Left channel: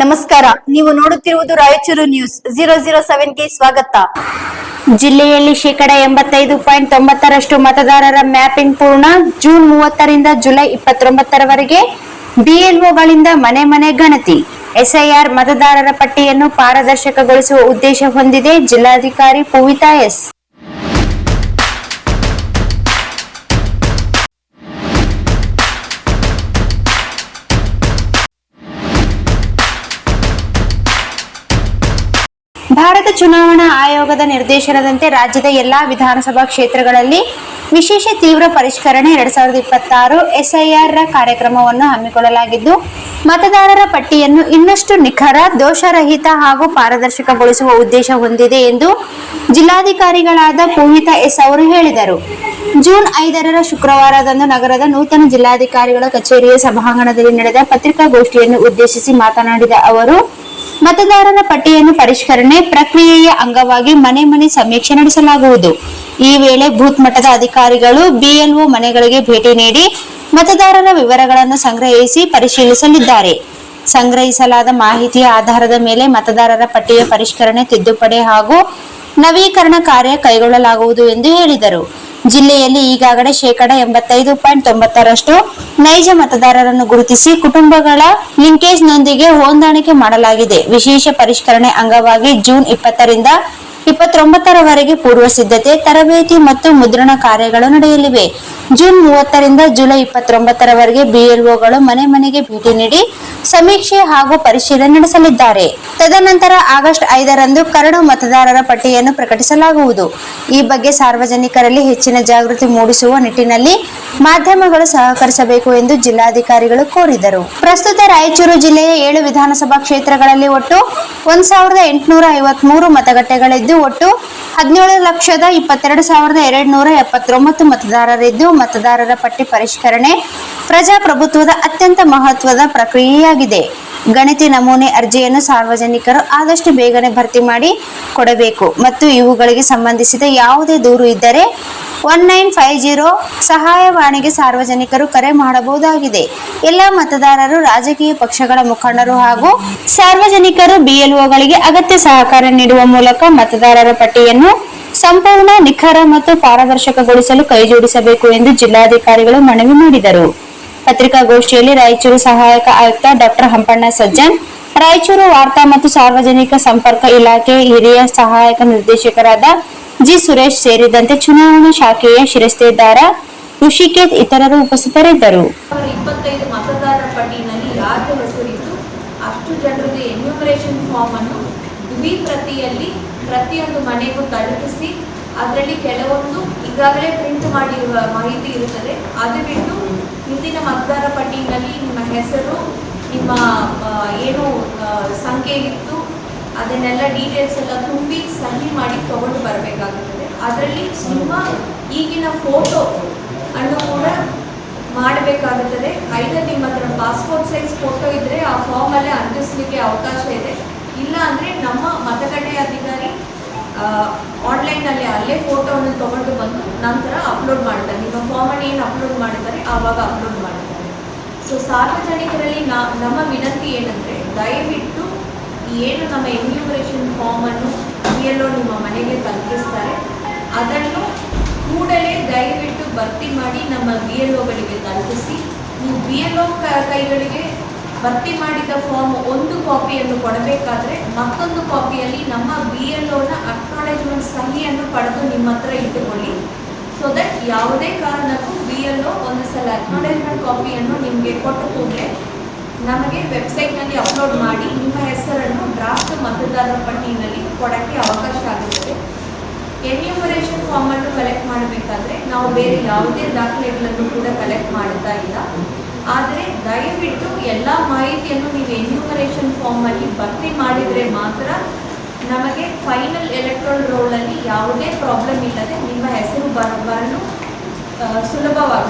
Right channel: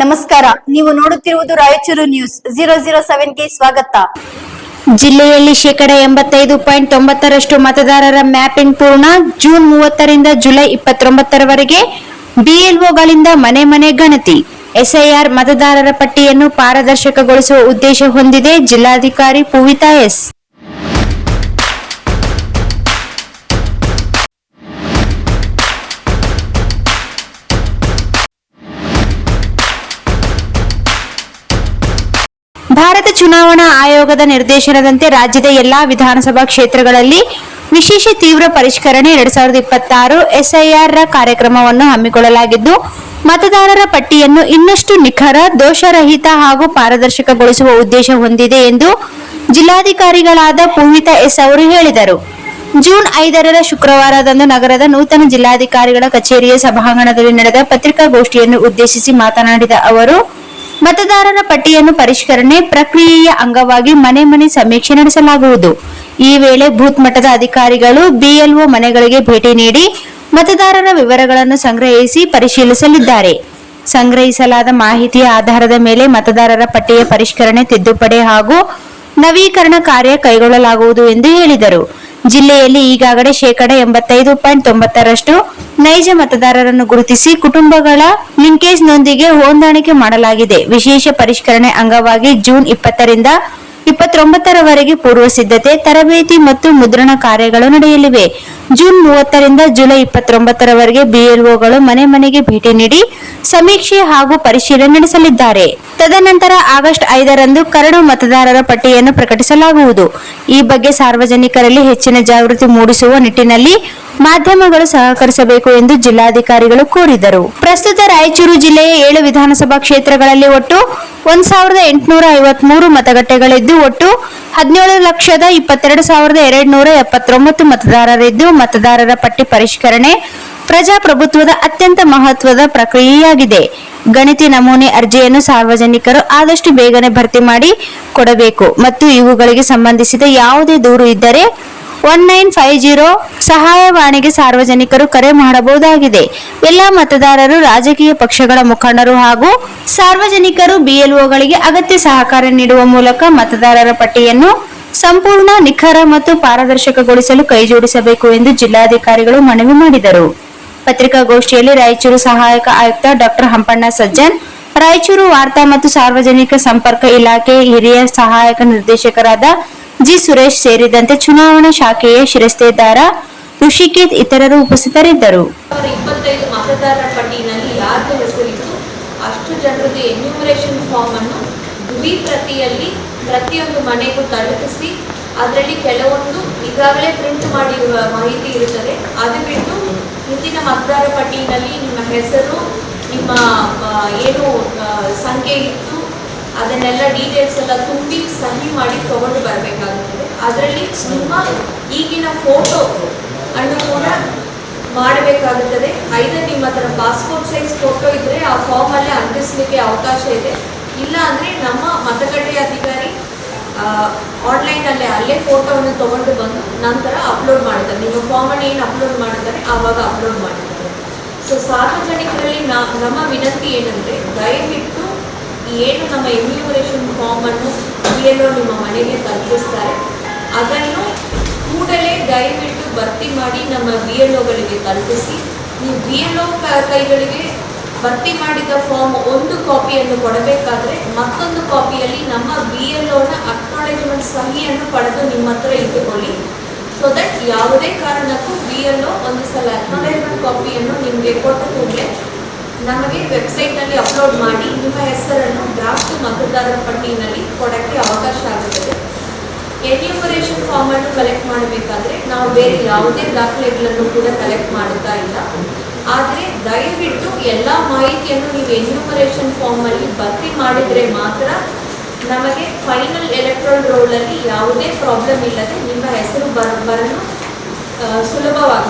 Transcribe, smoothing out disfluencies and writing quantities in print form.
ನಮಸ್ಕಾರ, ನೀವು ನೋಡುತ್ತಿರುವುದು ರಾಯಚೂರು ನ್ಯೂಸ್ 007ಗೆ ಸ್ವಾಗತ. ಜಿಲ್ಲೆಯಲ್ಲಿ 85.90% ಮತದಾರರ ಮ್ಯಾಪಿಂಗ್ ಪೂರ್ಣ. ಜೂನ್ 30ರಿಂದ ಜುಲೈ 29ರವರೆಗೆ ಬಿಎಲ್ಒಗಳಿಂದ ಮನೆ ಮನೆ ಗಣತಿ. ಎಸ್ಐಆರ್ ಮತದಾರರ ಪಟ್ಟಿಯನ್ನು ಪಾರದರ್ಶಕಗೊಳಿಸುವ ಉದ್ದೇಶ ಹೊಂದಿದೆ. ಜಿಲ್ಲಾಧಿಕಾರಿ ಪೂವಿತಾ ಎಸ್. ಭಾರತ ಚುನಾವಣಾ ಆಯೋಗದ ನಿರ್ದೇಶನದಂತೆ ರಾಜ್ಯದ ಎಲ್ಲಾ ವಿಧಾನಸಭಾ ಕ್ಷೇತ್ರಗಳಲ್ಲಿ ವಿಶೇಷ ತೀವ್ರ ಪರಿಷ್ಕರಣೆ 2026 ಎಸ್ಐಆರ್ ಕಾರ್ಯಕ್ರಮವನ್ನು ಹಮ್ಮಿಕೊಳ್ಳಲಾಗಿದ್ದು, ಮತದಾರರ ಪಟ್ಟಿಯನ್ನು ಇನ್ನಷ್ಟು ನಿಖರ, ದೋಷರಹಿತ ಹಾಗೂ ಪಾರದರ್ಶಕಗೊಳಿಸುವ ಉದ್ದೇಶ ಹೊಂದಿದೆ ಎಂದು ಜಿಲ್ಲಾಧಿಕಾರಿಗಳಾದ ಪೂವಿತಾ ಎಸ್ ಅವರು ಹೇಳಿದರು. ಜೂನ್ 5ರ ಶುಕ್ರವಾರದಂದು ನಗರದ ನೂತನ ಜಿಲ್ಲಾಧಿಕಾರಿಗಳ ಕಚೇರಿಯ ಸಭಾಂಗಣದಲ್ಲಿ ನಡೆದ ಪತ್ರಿಕಾಗೋಷ್ಠಿಯನ್ನು ಉದ್ದೇಶಿಸಿ ಮಾತನಾಡಿದ ಅವರು, ಮತದಾರರ ಪಟ್ಟಿಯನ್ನು ಪರಿಷ್ಕರಣೆ ಪ್ರಕ್ರಿಯೆಯ ಅಂಗವಾಗಿ ಮನೆ ಮನೆ ಸಮೀಕ್ಷೆ ನಡೆಸಲಾಗುವುದು. ಈ ವೇಳೆ ಬೂತ್ ಮಟ್ಟದ ಅಧಿಕಾರಿಗಳು ಬಿಎಲ್ಒ ಮನೆಗಳಿಗೆ ಭೇಟಿ ನೀಡಿ ಮತದಾರರ ವಿವರಗಳನ್ನು ಸಂಗ್ರಹಿಸಿ ಪರಿಶೀಲಿಸಲಿದ್ದಾರೆ. ಸಂಗ್ರಹಿಸಲಾದ ಮಾಹಿತಿಯ ಆಧಾರದ ಮೇಲೆ ಮತದಾರರ ಪಟ್ಟಿಯ ಪರಿಷ್ಕರಣೆ, ತಿದ್ದುಪಡಿ ಹಾಗೂ ನವೀಕರಣ ಕಾರ್ಯ ಕೈಗೊಳ್ಳಲಾಗುವುದು ಎಂದು ಹೇಳಿದರು. ಜಿಲ್ಲೆಯಲ್ಲಿ ಈಗಾಗಲೇ 85.90% ನೈಜ ಮತದಾರರನ್ನು ಗುರುತಿಸಿ ಕುಟುಂಬಗಳ ಲಿಂಕೇಜ್ನೊಂದಿಗೆ ಹೊಂದಾಣಿಕೆ ಮಾಡಲಾಗಿದೆ. ವಿಶೇಷ ಪರಿಷ್ಕರಣೆ ಅಂಗವಾಗಿ ಜೂನ್ 20ರಿಂದ 29ರವರೆಗೆ ಪೂರ್ವ ಸಿದ್ಧತೆ, ತರಬೇತಿ ಮತ್ತು ಮುದ್ರಣ ಕಾರ್ಯಗಳು ನಡೆಯಲಿವೆ. ಜೂನ್ 30ರಿಂದ ಜುಲೈ 29ರವರೆಗೆ ಬಿಎಲ್ಒಗಳು ಮನೆ ಮನೆಗೆ ಭೇಟಿ ನೀಡಿ ಸಮೀಕ್ಷೆ ಹಾಗೂ ಪರಿಶೀಲನೆ ನಡೆಸಲಿದ್ದಾರೆ. ತದನಂತರ ಆಗಸ್ಟ್ 5ರಂದು ಕರಡು ಮತದಾರರ ಪಟ್ಟಿಯನ್ನು ಪ್ರಕಟಿಸಲಾಗುವುದು. ಈ ಬಗ್ಗೆ ಸಾರ್ವಜನಿಕರಲ್ಲಿ ಹೆಚ್ಚಿನ ಜಾಗೃತಿ ಮೂಡಿಸುವ ನಿಟ್ಟಿನಲ್ಲಿ ಮಾಧ್ಯಮಗಳು ಸಹಕರಿಸಬೇಕು ಎಂದು ಜಿಲ್ಲಾಧಿಕಾರಿಗಳು ಕೋರಿದರು. ಪ್ರಸ್ತುತ ರಾಯಚೂರು ಜಿಲ್ಲೆಯ 7 ವಿಧಾನಸಭಾ ಕ್ಷೇತ್ರಗಳಲ್ಲಿ ಒಟ್ಟು 1853 ಮತಗಟ್ಟೆಗಳಿದ್ದು ಒಟ್ಟು 17,22,279 ಮತದಾರರಿದ್ದು, ಮತದಾರರ ಪಟ್ಟಿ ಪರಿಷ್ಕರಣೆ ಪ್ರಜಾಪ್ರಭುತ್ವದ ಅತ್ಯಂತ ಮಹತ್ವದ ಪ್ರಕ್ರಿಯೆಯಾಗಿದೆ. ಗಣತಿ ನಮೂನೆ ಅರ್ಜಿಯನ್ನು ಸಾರ್ವಜನಿಕರು ಆದಷ್ಟು ಬೇಗನೆ ಭರ್ತಿ ಮಾಡಿ ಕೊಡಬೇಕು ಮತ್ತು ಇವುಗಳಿಗೆ ಸಂಬಂಧಿಸಿದ ಯಾವುದೇ ದೂರು ಇದ್ದರೆ 1950 ಸಹಾಯವಾಣಿಗೆ ಸಾರ್ವಜನಿಕರು ಕರೆ ಮಾಡಬಹುದಾಗಿದೆ. ಎಲ್ಲ ಮತದಾರರು, ರಾಜಕೀಯ ಪಕ್ಷಗಳ ಮುಖಂಡರು ಹಾಗೂ ಸಾರ್ವಜನಿಕರು ಬಿಎಲ್ಒಗಳಿಗೆ ಅಗತ್ಯ ಸಹಕಾರ ನೀಡುವ ಮೂಲಕ ಮತದಾರರ ಪಟ್ಟಿಯನ್ನು ಸಂಪೂರ್ಣ, ನಿಖರ ಮತ್ತು ಪಾರದರ್ಶಕಗೊಳಿಸಲು ಕೈಜೋಡಿಸಬೇಕು ಎಂದು ಜಿಲ್ಲಾಧಿಕಾರಿಗಳು ಮನವಿ ಮಾಡಿದರು. ಪತ್ರಿಕಾಗೋಷ್ಠಿಯಲ್ಲಿ ರಾಯಚೂರು ಸಹಾಯಕ ಆಯುಕ್ತ ಡಾ ಹಂಪಣ್ಣ ಸಜ್ಜನ್, ರಾಯಚೂರು ವಾರ್ತಾ ಮತ್ತು ಸಾರ್ವಜನಿಕ ಸಂಪರ್ಕ ಇಲಾಖೆ ಹಿರಿಯ ಸಹಾಯಕ ನಿರ್ದೇಶಕರಾದ ಜಿ ಸುರೇಶ್ ಸೇರಿದಂತೆ ಚುನಾವಣಾ ಶಾಖೆಯ ಶಿರಸ್ತೇದಾರ ಋಷಿಕೇತ್ ಇತರರು ಉಪಸ್ಥಿತರಿದ್ದರು. 25 ಮತದಾರರ ಪಟ್ಟಿಯಲ್ಲಿ ಯಾರ ಹೆಸರಿತ್ತು ಅಷ್ಟು ಜನರದ್ದು ಎನ್ಯೂಮರೇಷನ್ ಫಾರ್ಮ್ ಅನ್ನು ಪ್ರತಿಯಲ್ಲಿ ಪ್ರತಿಯೊಂದು ಮನೆಗೂ ತಲುಪಿಸಿ ಅದರಲ್ಲಿ ಕೆಲವೊಂದು ಈಗಾಗಲೇ ಪ್ರಿಂಟ್ ಮಾಡಿರುವ ಮಾಹಿತಿ ಇರುತ್ತದೆ. ಅದು ಬಿಟ್ಟು ಹಿಂದಿನ ಮತದಾರ ಪಟ್ಟಿಯಲ್ಲಿ ನಿಮ್ಮ ಹೆಸರು, ನಿಮ್ಮ ಏನು ಸಂಖ್ಯೆ ಇತ್ತು ಅದನ್ನೆಲ್ಲ ಡೀಟೇಲ್ಸ್ ಎಲ್ಲ ತುಂಬಿ ಸಹಿ ಮಾಡಿ ತಗೊಂಡು ಬರಬೇಕಾಗುತ್ತದೆ. ಅದರಲ್ಲಿ ನಿಮ್ಮ ಈಗಿನ ಫೋಟೋ ಅನ್ನು ಕೂಡ ಮಾಡಬೇಕಾಗುತ್ತದೆ. ಐದರ್ ನಿಮ್ಮ ಹತ್ರ ಪಾಸ್ಪೋರ್ಟ್ ಸೈಜ್ ಫೋಟೋ ಇದ್ದರೆ ಆ ಫಾರ್ಮಲ್ಲೇ ಅಂಟಿಸಲಿಕ್ಕೆ ಅವಕಾಶ ಇದೆ. ಇಲ್ಲ ಅಂದರೆ ನಮ್ಮ ಮತಗಟ್ಟೆಯ ಅಧಿಕಾರಿ ಆನ್ಲೈನಲ್ಲಿ ಅಲ್ಲೇ ಫೋಟೋವನ್ನು ತೊಗೊಂಡು ಬಂದು ನಂತರ ಅಪ್ಲೋಡ್ ಮಾಡಿದ್ದಾರೆ. ನಿಮ್ಮ ಫಾರ್ಮನ್ನು ಏನು ಅಪ್ಲೋಡ್ ಮಾಡಿದ್ದಾರೆ ಆವಾಗ ಅಪ್ಲೋಡ್ ಮಾಡಿದ್ದಾರೆ. ಸೊ ಸಾರ್ವಜನಿಕರಲ್ಲಿ ನಮ್ಮ ವಿನಂತಿ ಏನಂದರೆ, ದಯವಿಟ್ಟು ಏನು ನಮ್ಮ ಎನ್ಯೂಮರೇಷನ್ ಫಾರ್ಮನ್ನು ಬಿಎಲ್ಒ ನಿಮ್ಮ ಮನೆಗೆ ತಲುಪಿಸ್ತಾರೆ ಅದನ್ನು ಕೂಡಲೇ ದಯವಿಟ್ಟು ಭರ್ತಿ ಮಾಡಿ ನಮ್ಮ ಬಿಎಲ್ಒಗಳಿಗೆ ತಲುಪಿಸಿ. ನೀವು ಬಿಎಲ್ಒ ಕೈಗಳಿಗೆ ಭರ್ತಿ ಮಾಡಿದ ಫಾರ್ಮ್ ಒಂದು ಕಾಪಿಯನ್ನು ಕೊಡಬೇಕಾದ್ರೆ ಮತ್ತೊಂದು ಕಾಪಿಯಲ್ಲಿ ನಮ್ಮ ಬಿಎಲ್ಒನ ಅಕ್ನಾಲೇಜ್ಮೆಂಟ್ ಸಹಿಯನ್ನು ಪಡೆದು ನಿಮ್ಮ ಹತ್ರ ಇಟ್ಟುಕೊಳ್ಳಿ. ಸೊ ದಟ್ ಯಾವುದೇ ಕಾರಣಕ್ಕೂ ಬಿಎಲ್ಒ ಒಂದು ಸಲ ಅಕ್ನಾಲೇಜ್ಮೆಂಟ್ ಕಾಪಿಯನ್ನು ನಿಮಗೆ ಕೊಟ್ಟ ಕೂಡಲೇ ನಮಗೆ ವೆಬ್ಸೈಟ್ನಲ್ಲಿ ಅಪ್ಲೋಡ್ ಮಾಡಿ ನಿಮ್ಮ ಹೆಸರನ್ನು ಡ್ರಾಫ್ಟ್ ಮತದಾರರ ಪಟ್ಟಿಯಲ್ಲಿ ಕೊಡೋಕ್ಕೆ ಅವಕಾಶ ಆಗುತ್ತದೆ. ಎನ್ಯೂಮರೇಷನ್ ಫಾರ್ಮನ್ನು ಕಲೆಕ್ಟ್ ಮಾಡಬೇಕಾದ್ರೆ ನಾವು ಬೇರೆ ಯಾವುದೇ ದಾಖಲೆಗಳನ್ನು ಕೂಡ ಕಲೆಕ್ಟ್ ಮಾಡ್ತಾ ಇಲ್ಲ. ಆದರೆ ದಯವಿಟ್ಟು ಎಲ್ಲ ಮಾಹಿತಿಯನ್ನು ನೀವು ಎನ್ಯೂಮರೇಷನ್ ಫಾರ್ಮಲ್ಲಿ ಭರ್ತಿ ಮಾಡಿದರೆ ಮಾತ್ರ ನಮಗೆ ಫೈನಲ್ ಎಲೆಕ್ಟ್ರಲ್ ರೋಲಲ್ಲಿ ಯಾವುದೇ ಪ್ರಾಬ್ಲಮ್ ಇಲ್ಲದೆ ನಿಮ್ಮ ಹೆಸರು ಬರಲು ಸುಲಭವಾಗುತ್ತದೆ.